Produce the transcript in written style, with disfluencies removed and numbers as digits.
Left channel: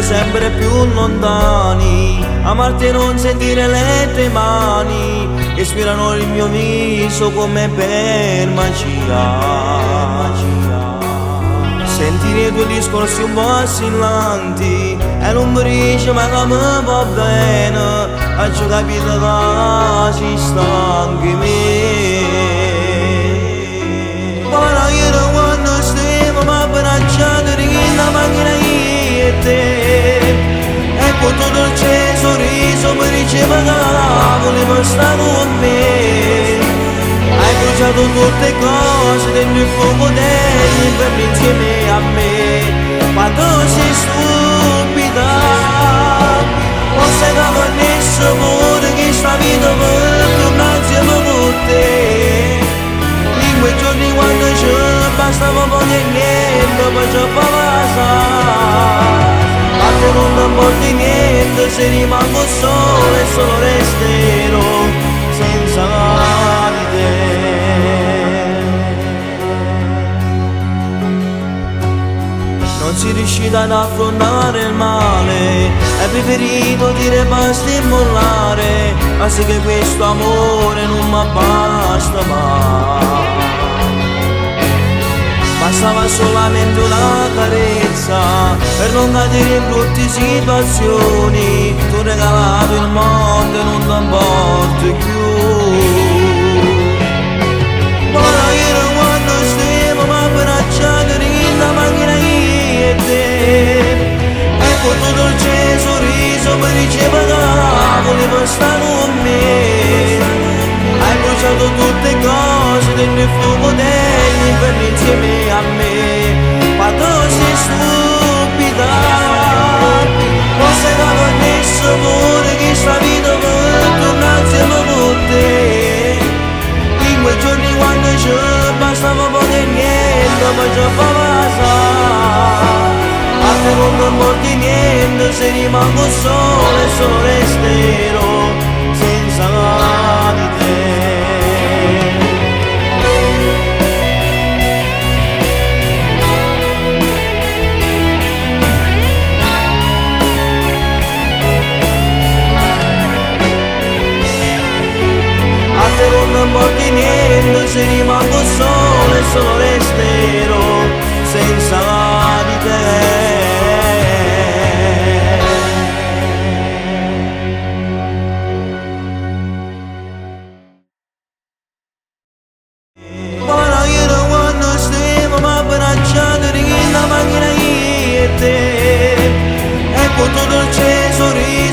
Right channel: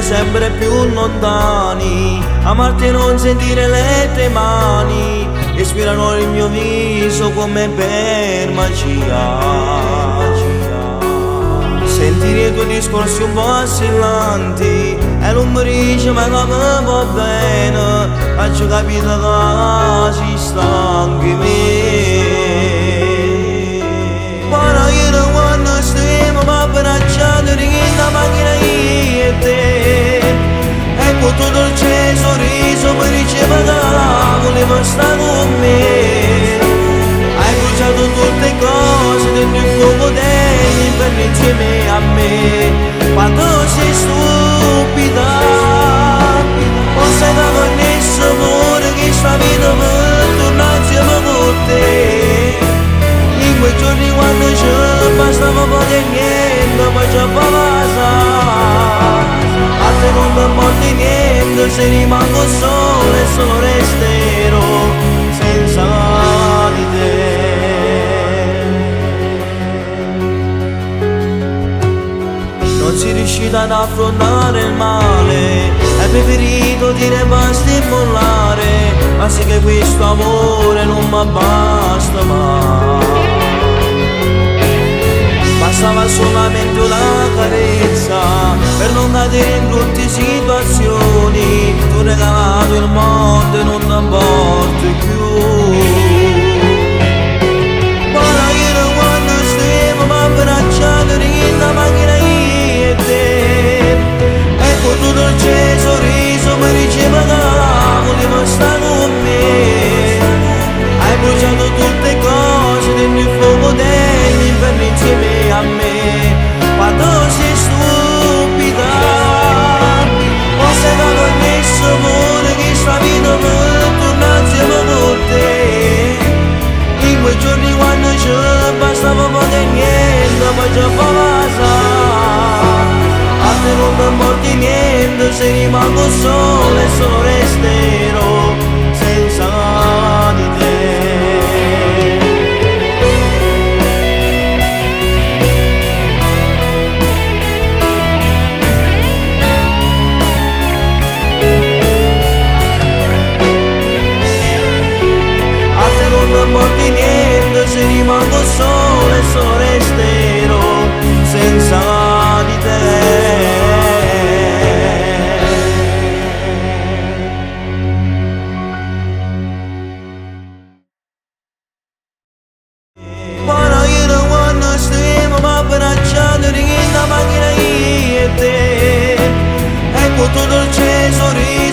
essere sempre più lontani, amarti e non sentire le tue mani, respirano il mio viso come per magia. Sentire i tuoi discorsi un po' assillanti e non mi dice ma come va bene, faccio capire che ci sta anche me. Ora io non quando stiamo ma abbracciando in la macchina io e te, e con tutto il cielo sorriso mi diceva che voleva stare con me. Hai bruciato tutte cose dentro il fuoco dell'inferno insieme a me. Quando sei stupida, non sai che nessuno pure che sta vita per tornare insieme con te. In quei giorni quando c'è bastava poco e niente, poi c'è passare. A te non ti importa niente, se rimango solo e solo resterò senza di te. Non si riuscita ad affrontare il male, hai preferito dire basta e mollare, ma sì che questo amore non mi basta mai. Bastava solamente una carezza per non cadere in brutte situazioni. Tu hai regalato il mondo e non ti importi più. Ora io quando stiamo ma abbracciando in la macchina io e te, e con tutto il cielo sorriso mi diceva che voleva stare con me. Hai bruciato tutte cose dentro il fuoco dell'inferno insieme a me. Quando sei stupida, non sai che nessuno vuole che sta vita per tornare insieme con te. In quei giorni quando c'è bastava poco e niente, poi c'è passare. A te non mi importa niente, se rimango solo e solo resterò senza di te. A te non mi importa niente, se rimango solo e solo resterò senza di te. Ora io quando stiamo ma abbracciando in la macchina io e te, e con tutto il cielo sorriso